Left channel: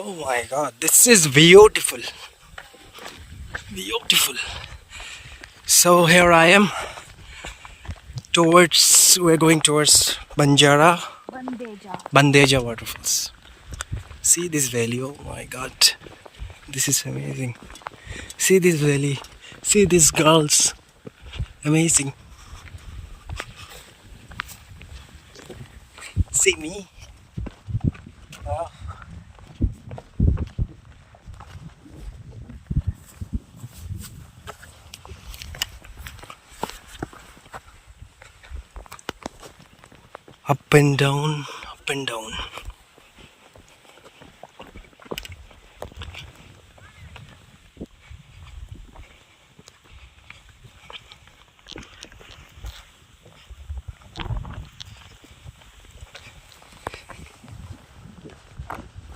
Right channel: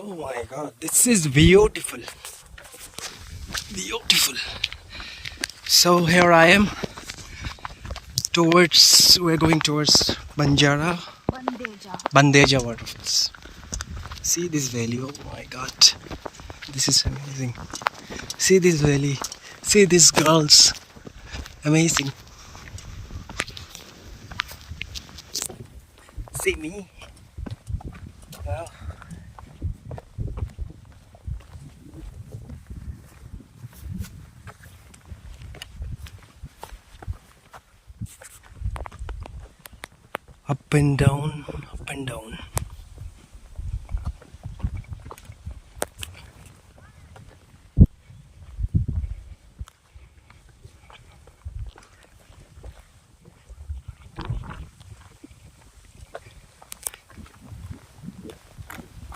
Oh my god, this is beautiful. Beautiful. So here I am we're going towards Bandeja waterfalls. See this valley, oh my god. This is amazing. See this valley. See these girls. Amazing. See me. Wow. Up and down.